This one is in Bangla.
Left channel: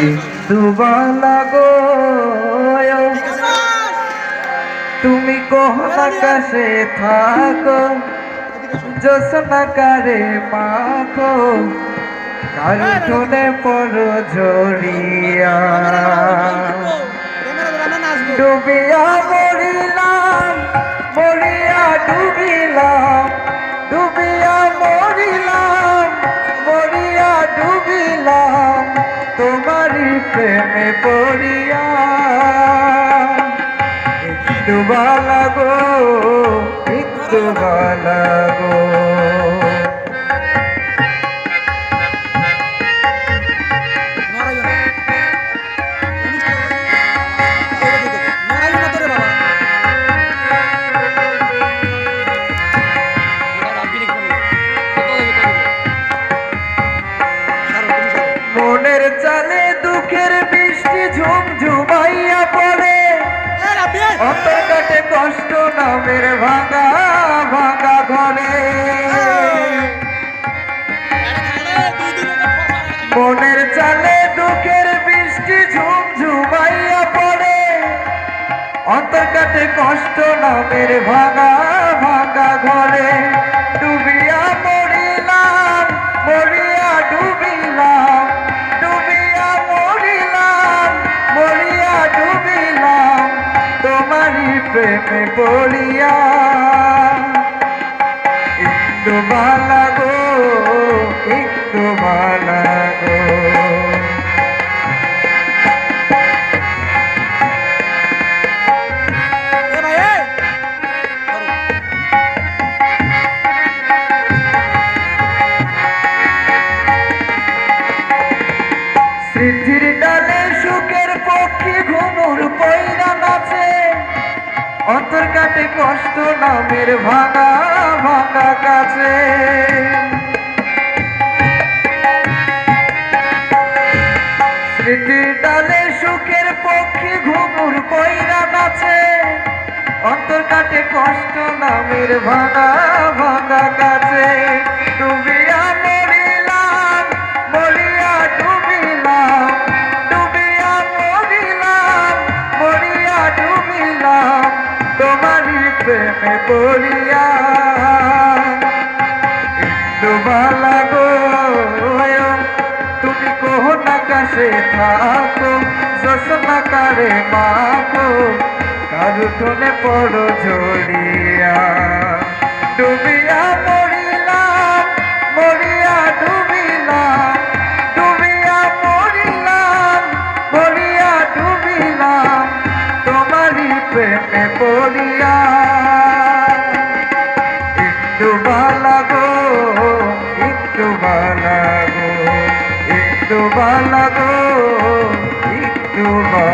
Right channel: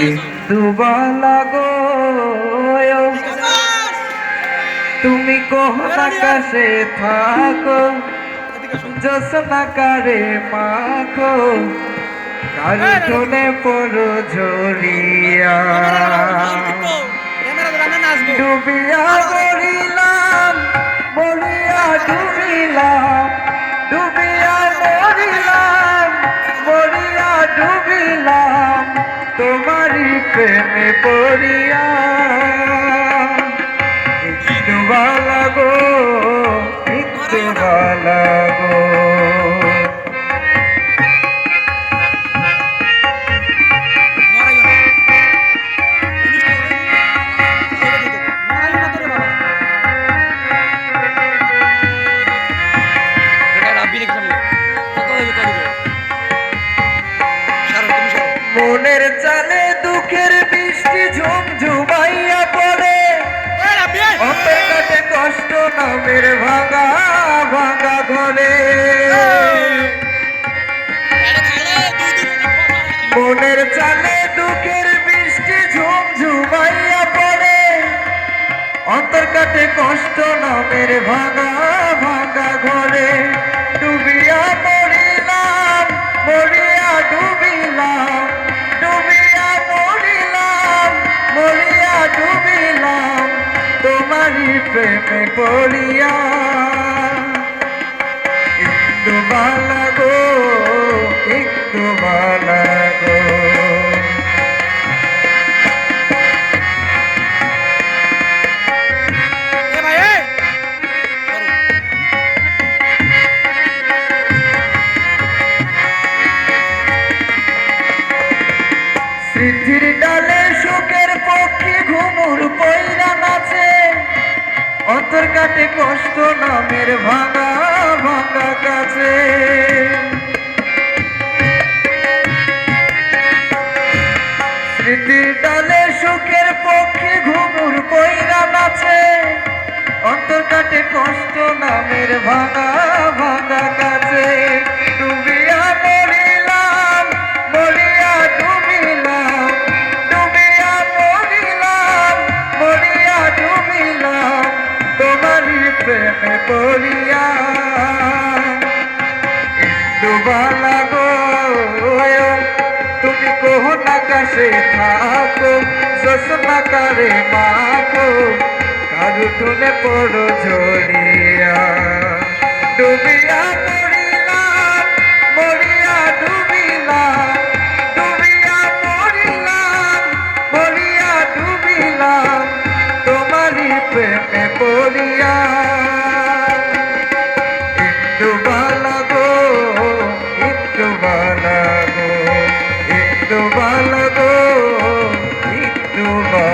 ইন্দুবালা গো তুমি কোন আকাশে থাকো জোসনা কারে মাখো কালুনে পড়ো ঝরিয়া ডুবিয়া মরিলাম মরিয়া ডুবিলাম ডুবিয়া মরিলাম মরিয়া ডুবিলাম তোমারি প্রেমে পড়িয়া একটু ভালো গো একটু ভালো গো মনের চালে দুঃখের বৃষ্টি ঝুমঝুমাইয়া পড়ে কাটে কষ্ট নামের ভাঙা ভাঙা ঘরে মনের চালে দুঃখের বৃষ্টি ঝুমঝুমাইয়া পড়ে কাটে কষ্ট নামের ভাঙা ভাঙা ঘরে ডুবিয়া মরিলাম মরিয়া ডুবিলাম ডুবিয়া মরিলাম মরিয়া ডুবিলাম তোমারি প্রেমে পড়িয়া একটু ভালো গো একটু ভালো গো স্মৃতির ডালে সুখের পক্ষী ঘুমুর পয়রা নাচে অন্তর কাটে কষ্ট নামের ভাঙা ভাঙা কাছে স্মৃতির ডালে সুখের পক্ষী ঘুমুর পয়রা নাচে অন্তর কাটে কষ্ট নামের ভাঙা ভাঙা কাছে ডুবিয়া মরিলাম মরিয়া ডুবিলাম ডুবিয়া মরিলাম মরিয়া ডুবিলাম তোমারি প্রেমে পড়িয়া একটু ভালো গো তুমি কোন আকাশে থাকো জোসনা কারে মাখো কারুনে পড়ো ঝরিয়া ডুবিয়া মরিলাম মরিয়া ডুবিলাম ডুবিয়া মরিলাম মরিয়া ডুবিলাম তোমারি প্রেমে পড়িয়া একটু ভালো গো একটু ভালো গো একটু ভালো গো একটু ভালো